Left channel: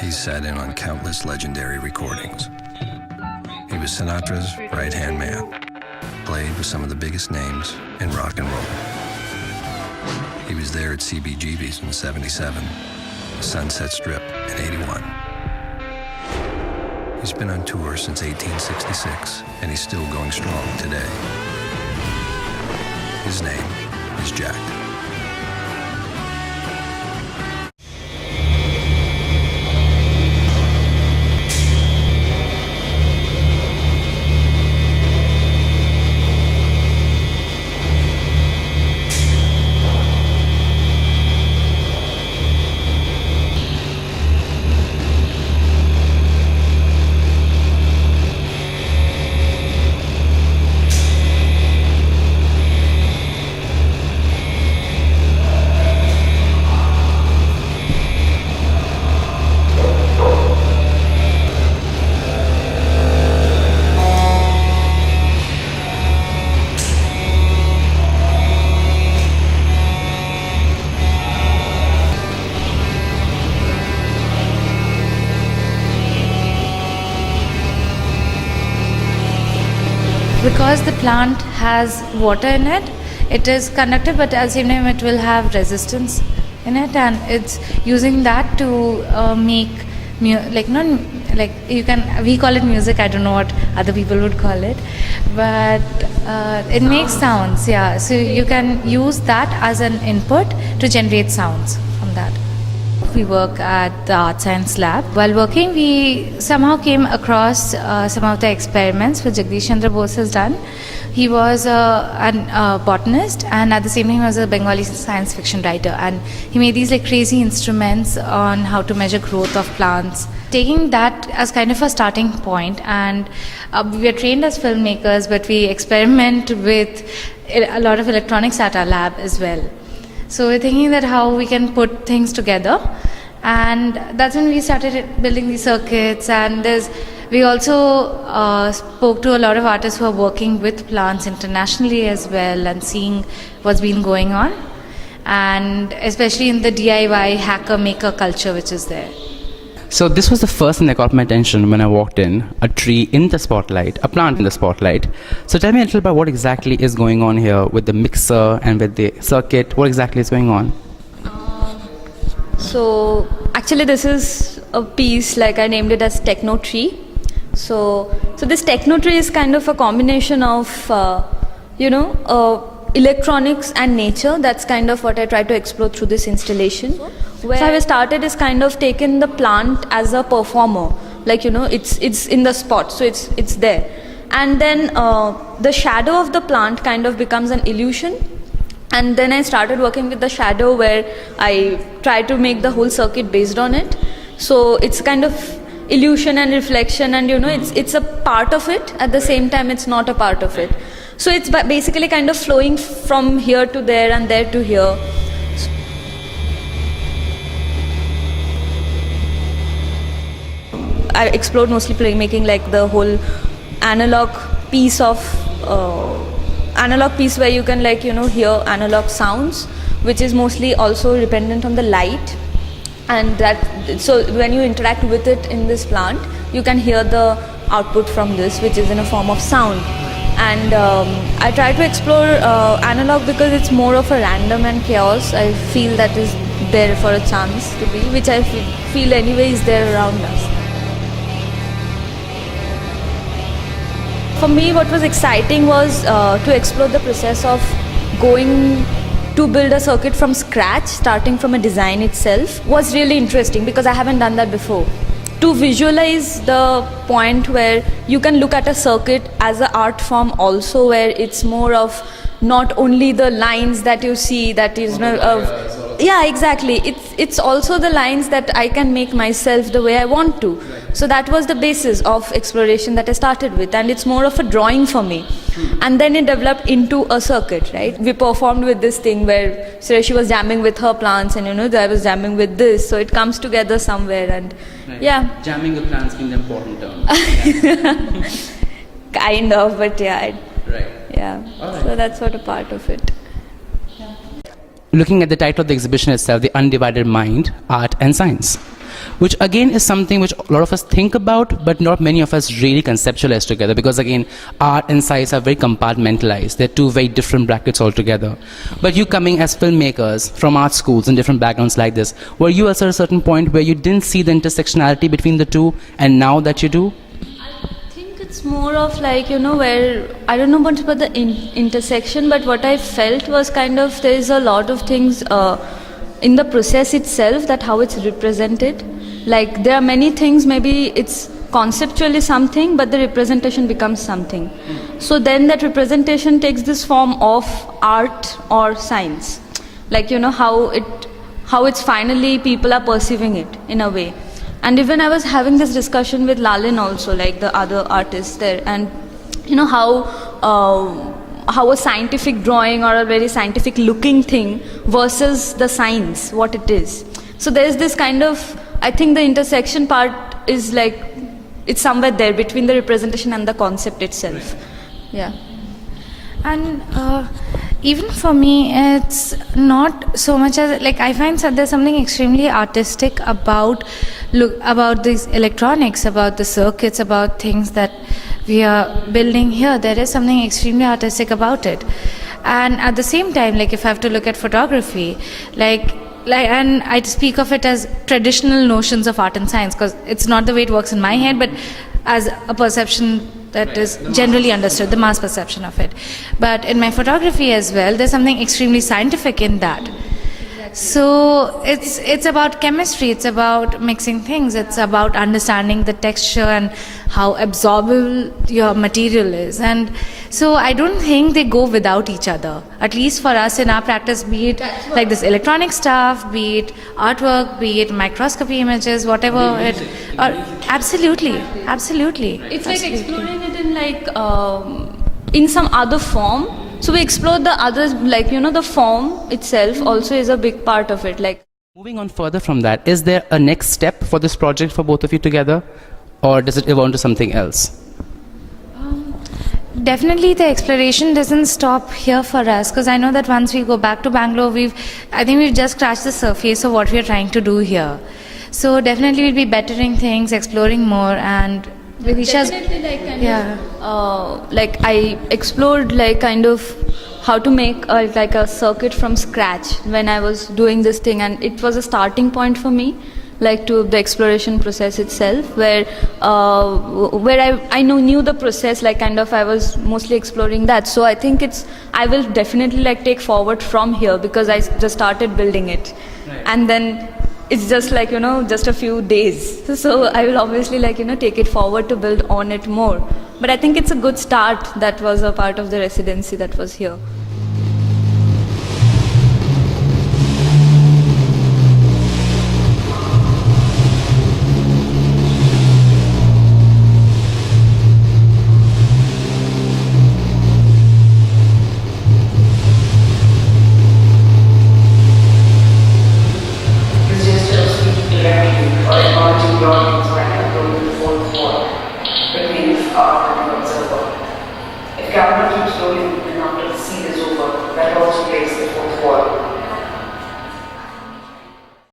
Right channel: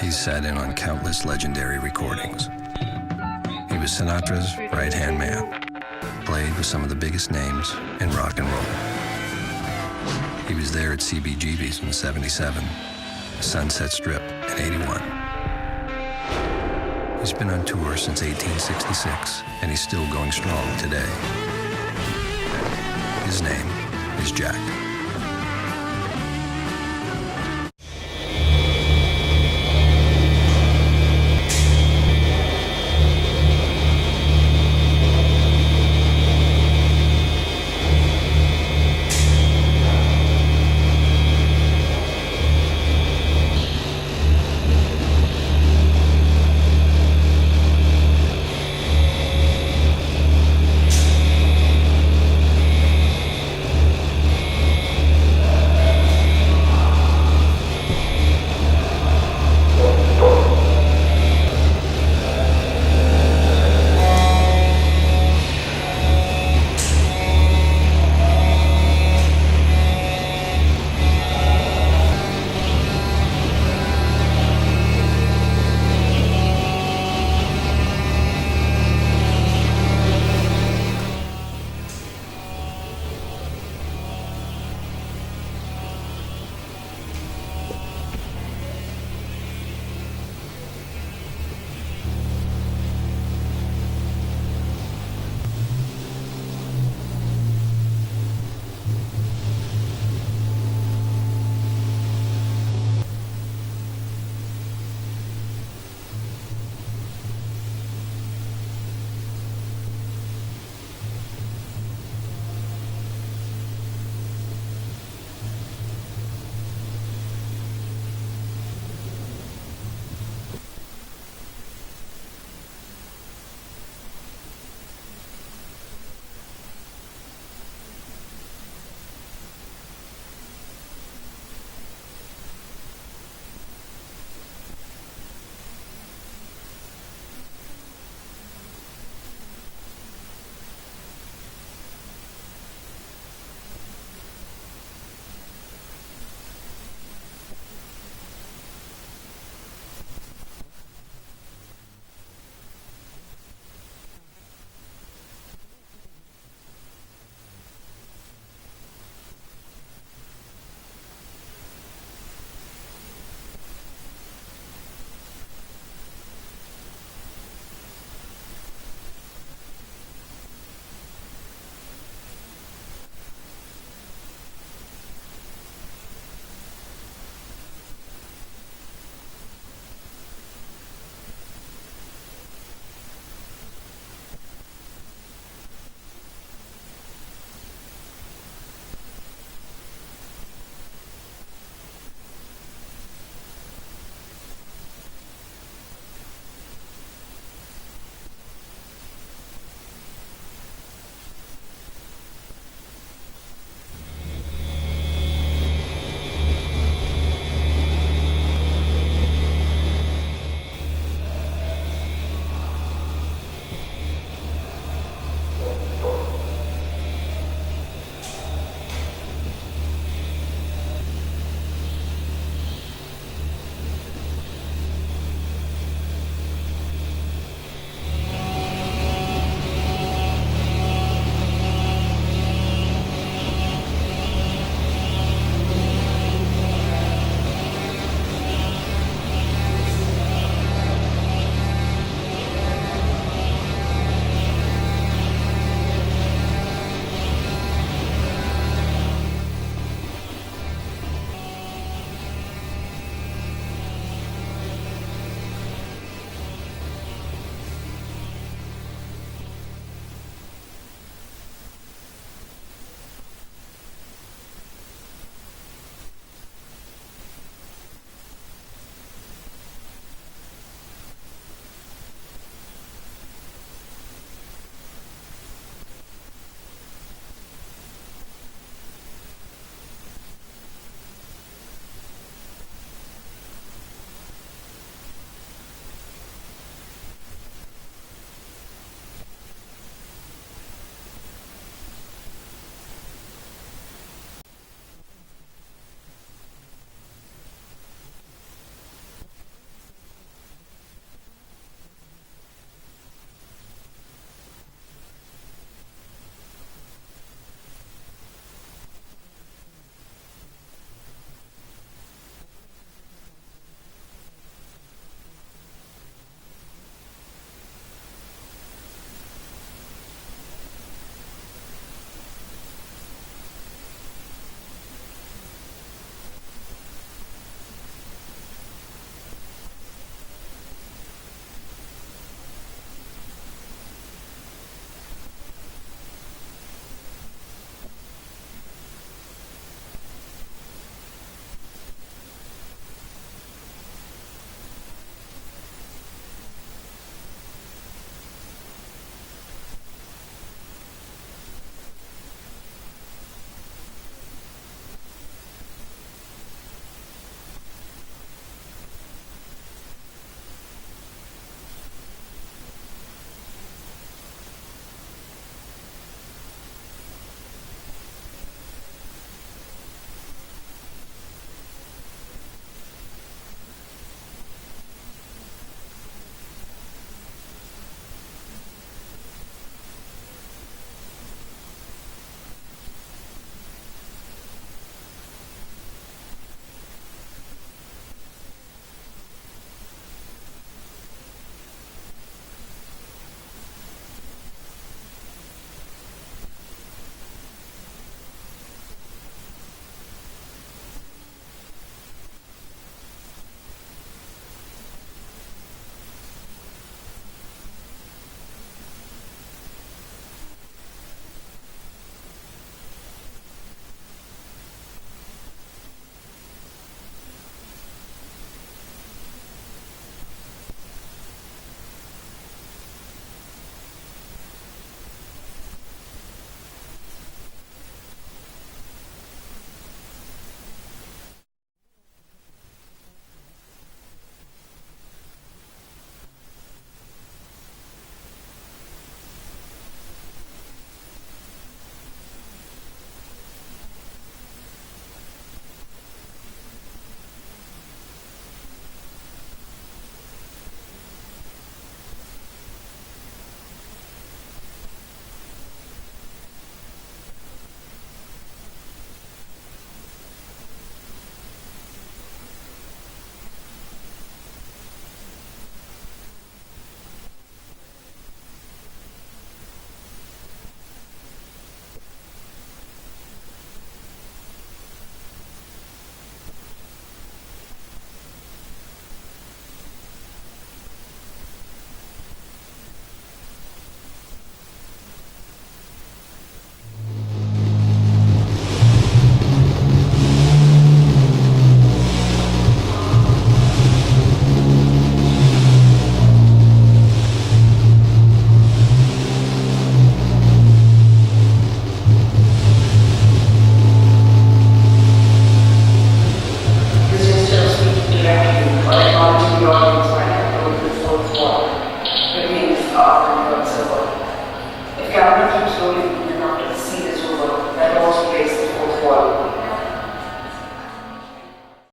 He sat in on countless legendary recordings. He was Sinatra's right-hand man, played with some of the biggest names in rock and roll. He was there at CBGB's in '77, Sunset Strip in '81. He's been on tour since 1866, and he's still going strong today. His name is Jack. Because the plant has water in it, it is conductive, but at the same time it will have resistance in it, and it's using that to make we call it music. I don't know what other people would call it, but it makes sounds. Yeah, so you can use that as an input to generate sounds from that. We work at the Art Science Lab. While working, we somehow came across some of the experiments which Jagdish Chandra Bose has done. He was a botanist, and at the same time he was a Bengali science fiction writer, and he made these crazy instruments on how to measure growth of plants. Taking that as kind of a starting point, and we are trained as filmmakers, but we experiment with a lot of electronics at our lab as well. So we're thinking that how we can put things together, and that's when we started building these circuits. And we also spoke to a lot of artists who are working with plants internationally as well, and seeing what's been going on, and especially in the DIY hacker maker culture which is there. So this was the first thing that caught my attention when I walked in, a tree in the spotlight, a plant in the spotlight. So tell me a little about what exactly is going on here with the mixer and with the circuit. What exactly is going on? So actually this is a piece, I named it as Techno Tree. So this Techno Tree is kind of a combination of, electronics and nature. That's kind of what I try to explore through this installation. So how I started is kind of taken the plant as a performer, it's in the spot, so it's there, and then the shadow of the plant kind of becomes an illusion, and then I started working with the shadow where I try to make the whole circuit based on it. So it's kind of illusion and reflection, and it's a part of it, at the same time it's not a part of it. So it's basically kind of flowing from here to there and there to here. I explored mostly playmaking, the whole analog piece where you can hear analog sounds, which is mostly also dependent on the light, and so when you interact with it in this plant, you can hear the output from this, which is in a form of sound. And I try to explore analog because it's more of a random and chaos. I feel that is there for a chance to be, which I feel anyway is there around us. For me, what was exciting was to explore the process of going to build a circuit from scratch, starting from a design itself, was really interesting because I haven't done that before. To visualize the point where you can look at a circuit as an art form also, where it's more of not only the lines that you see, that is yeah, exactly. It's also the lines that I can make myself the way I want to. So that was the basis of exploration that I started with, and it's more of a drawing for me. And then it developed into a circuit, right? We performed with this thing where Sureshi was jamming with her plants, and I was jamming with this, so it comes together somewhere, and right. Yeah. Jamming with plants being the important term. Kind of, but yeah. Right. Yeah. All right. So that's what a part of it. looking at the title of the exhibition itself, The Undivided Mind, Art and Science, which again is something which a lot of us think about, but not many of us really conceptualize together, because again, art and science are very compartmentalized. They're two very different brackets altogether. But you coming as filmmakers from art schools and different backgrounds like this, were you at a certain point where you didn't see the intersectionality between the two, and now that you do? I think it's more of like, where I don't know much about the intersection, but what I felt was kind of there is a lot of things in the process itself, that how it's represented. Like there are many things, maybe it's conceptually something, but the representation becomes something. So then that representation takes this form of art or science. Like, how it's finally people are perceiving it in a way. And even I was having this discussion with Lalin also, like the other artists there, and how a scientific drawing or a very scientific looking thing versus the science, what it is. So there's this kind of, I think the intersection part is like, it's somewhere there between the representation and the concept itself. Yeah. And even for me, it's not so much as, like, I find that there's something extremely artistic about these electronics, about the circuits, about things that we are building here. There is something extremely artistic about it. And at the same time, like if I have to look at photography, and I speak of it as traditional notions of art and science, because it's not the way it works in my head, but as a perception that is generally understood, the mass perception of it. But in my photography as well, there's something extremely scientific in that. So it's about chemistry, it's about mixing things, it's about understanding the texture and how absorbable your material is. And so I don't think they go without each other, at least for us in our practice, be it like this electronic stuff, be it artwork, be it microscopy images, whatever it, or absolutely. It's like exploring it in like in some other form. So we explore the others, like the form itself also is a big part of it. Like Moving on further from that, is there a next step for this project for both of you together, or does it evolve into something else? Definitely the exploration doesn't stop here for us, because I know that once we go back to Bangalore, I think we've just scratched the surface of what we're trying to do here. So definitely we'll be bettering things, exploring more, and Vidisha's, definitely like kind yeah. of, like I explored like kind of how to make like a circuit from scratch when I was doing this thing, and it was a starting point for me, like to the exploration process itself, where I knew the process, like kind of I was mostly exploring that. So I think I will definitely like take forward from here, because I just started building it, and then it's just like just a few days. So I will obviously like take it forward to build on it more. But I think it's a good start. That was a part of the residency that was here. If camera keeps rolling and after the scene is over, that also breaks the fourth wall.